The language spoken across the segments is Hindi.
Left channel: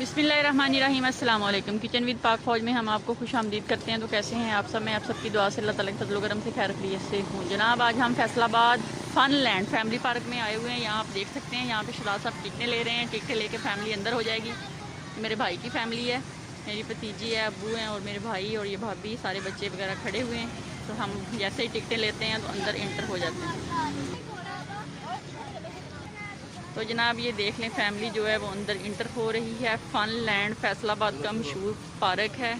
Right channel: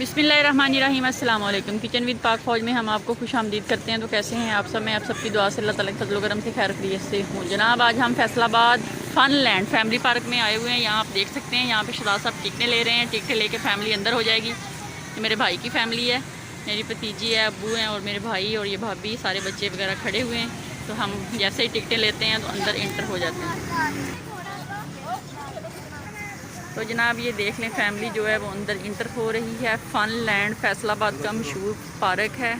बिस्मिल्लाहिर्रहमानिर्रहीम अस्सलाम वालेकुम। किचन विद पाक फौज में हम आपको खुश आमदीद करते हैं। तो कैसे हैं आप सब? मैं आप सबकी दुआ से अल्लाह ताला के फजल करम से खैर खैरियत से हूँ। जनाब आज हम Faisalabad fun land family park में आए हुए हैं। यहाँ आप देख सकते हैं, यहाँ पे शहजाद साहब टिकटें ले रहे हैं। टिकटें लेके फैमिली अंदर हो जाएगी। ये मेरे भाई की फैमिली है, मेरी भतीजी है, अब्बू हैं और मेरे भाई और ये भाभी, सारे बच्चे वगैरह खड़े हुए हैं। तो हम जैसे ही टिकटें लेते हैं तो अंदर एंटर हो जाते हैं। तो जनाब ये देख लें, फैमिली जो है वो अंदर इंटर हो रही है। फन लैंड फैसलाबाद का मशहूर पार्क है।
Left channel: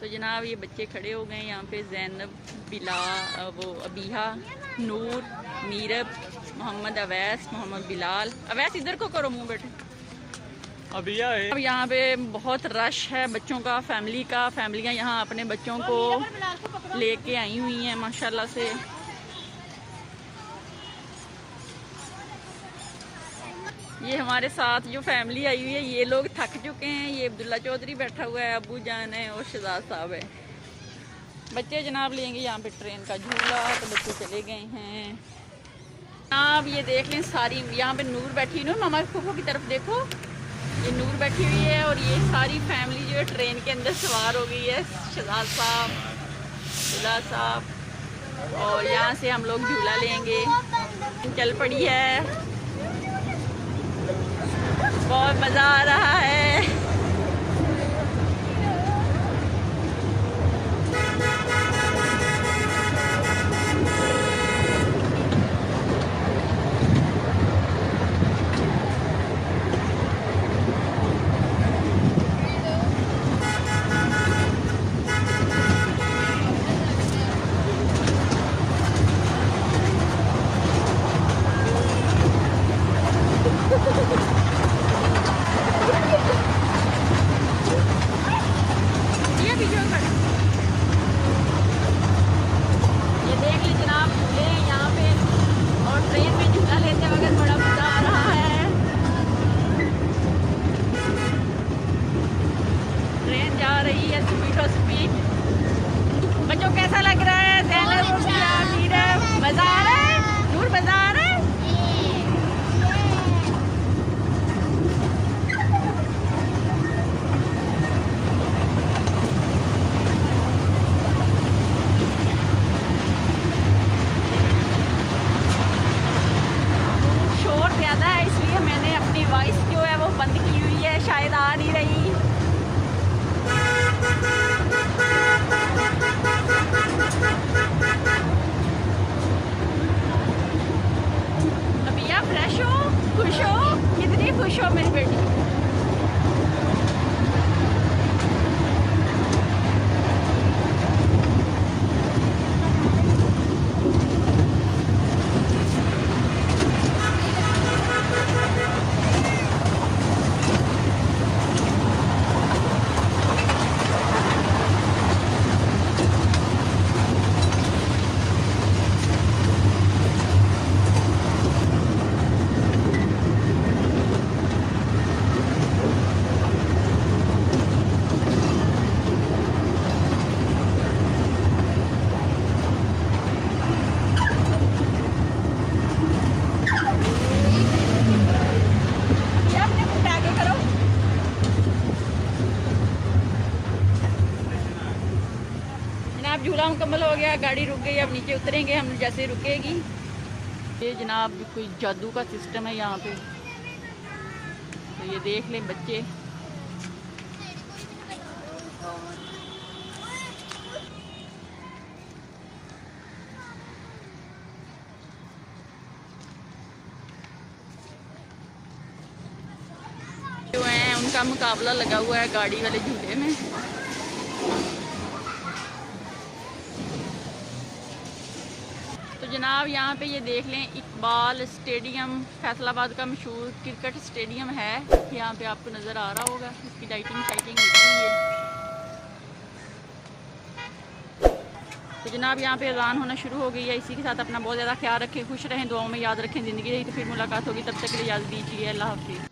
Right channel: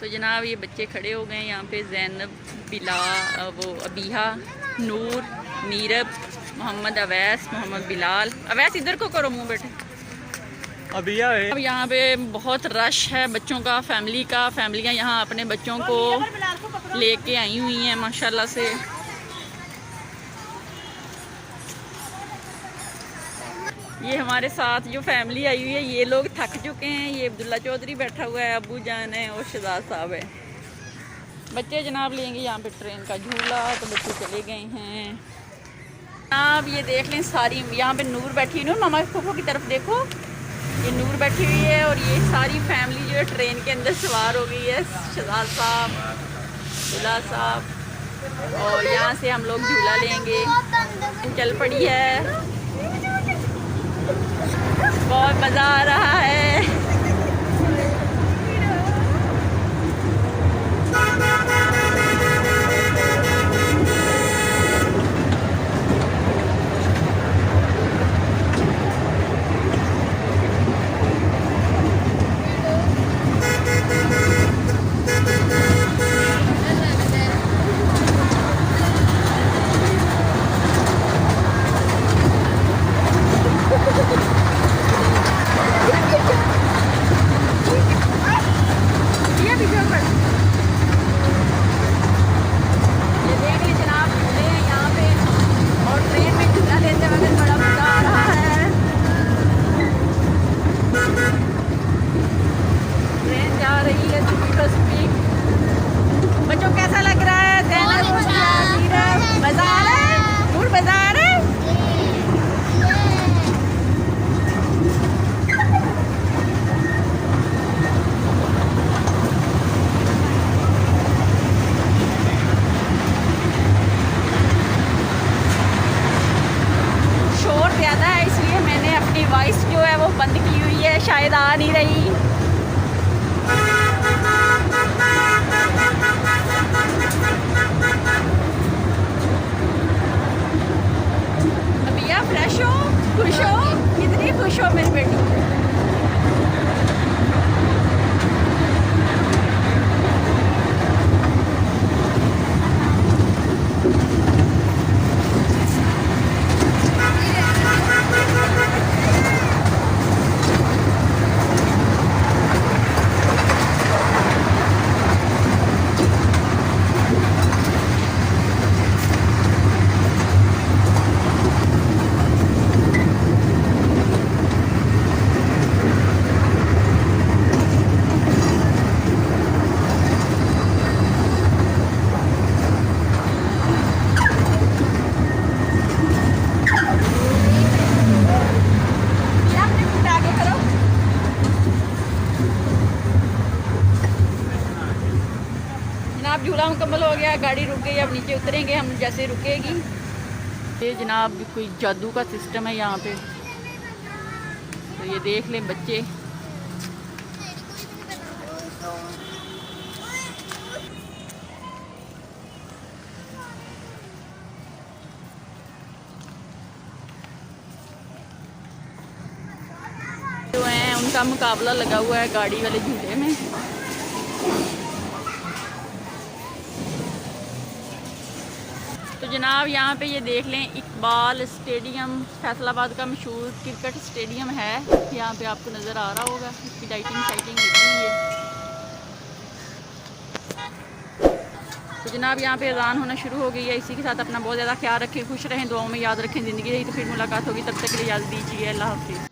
तो जनाब ये बच्चे खड़े हो गए यहाँ पे। जैनब, बिला, वो अबीहा, नूर, नीरब, मोहम्मद अवैस, मोहम्मद बिलाल। अवैस इधर को करो मुँह बेटे। अब यहाँ पे बहुत रश है बच्चों का, फैमिली का। फैमिलियाँ यहाँ अपने बच्चों को लेके आई हुई हैं माशाल्लाह से। ये हमारे साथ जो फैमिली आई हुई है, ये लोग थक चुके हैं। ये अब्दुल्ला चौधरी बैठा हुआ है, अबू जान है और शहजाद साहब है। बच्चे जनाब लेंगे यहाँ पे ट्रेन का झूला, तो बच्चे चले गए हैं। आप ये देख लें, सारी यहाँ पे नूर बैठी हुई। नूर मामा फूफो की तरफ देखो, ये नूर बैठी हुई है और ये सारी फैमिली जो है ट्रेन के अंदर सवार हो गई है। शहजाद साहब, बिलाल साहब, और यहाँ से हम लोग झूला लेंगे। चल पड़ी है, बहुत मज़ा आ रहा है। शायद आ नहीं रही। भैया फ्रेश हो, खुश हो, कितनी खुश हो मेरी बेटी। झूला मुकम्मल हो गया, गाड़ी रुक गई। अब नीचे उतरेंगे हम जैसे रुकेगी। ये जनाब कोई जादू का सिस्टम है यहाँ पे। तो ये देख लें बच्चे, जो हैं उनका मुकाबला लगा हुआ है गाड़ी वाले झूले में। जनाब यहाँ पे ये देख लें, इकबाल स्टेडियम फैसलाबाद का मशहूर क्रिकेट स्टेडियम है। यहाँ पे आपको नज़र आ रहा होगा, इसकी लाइटिंग शाइटिंग होती है। तो जनाब यहाँ पे अज़ान होना शुरू हो गई है। इसी के साथ अपना बहुत ज़्यादा ख्याल रखें, खुश रहें, दुआओं में याद रखें। ज़िंदगी रही तो फिर मुलाकात होगी, तब तक के लिए इजाज़त दीजिए। अल्लाह हाफ़िज़।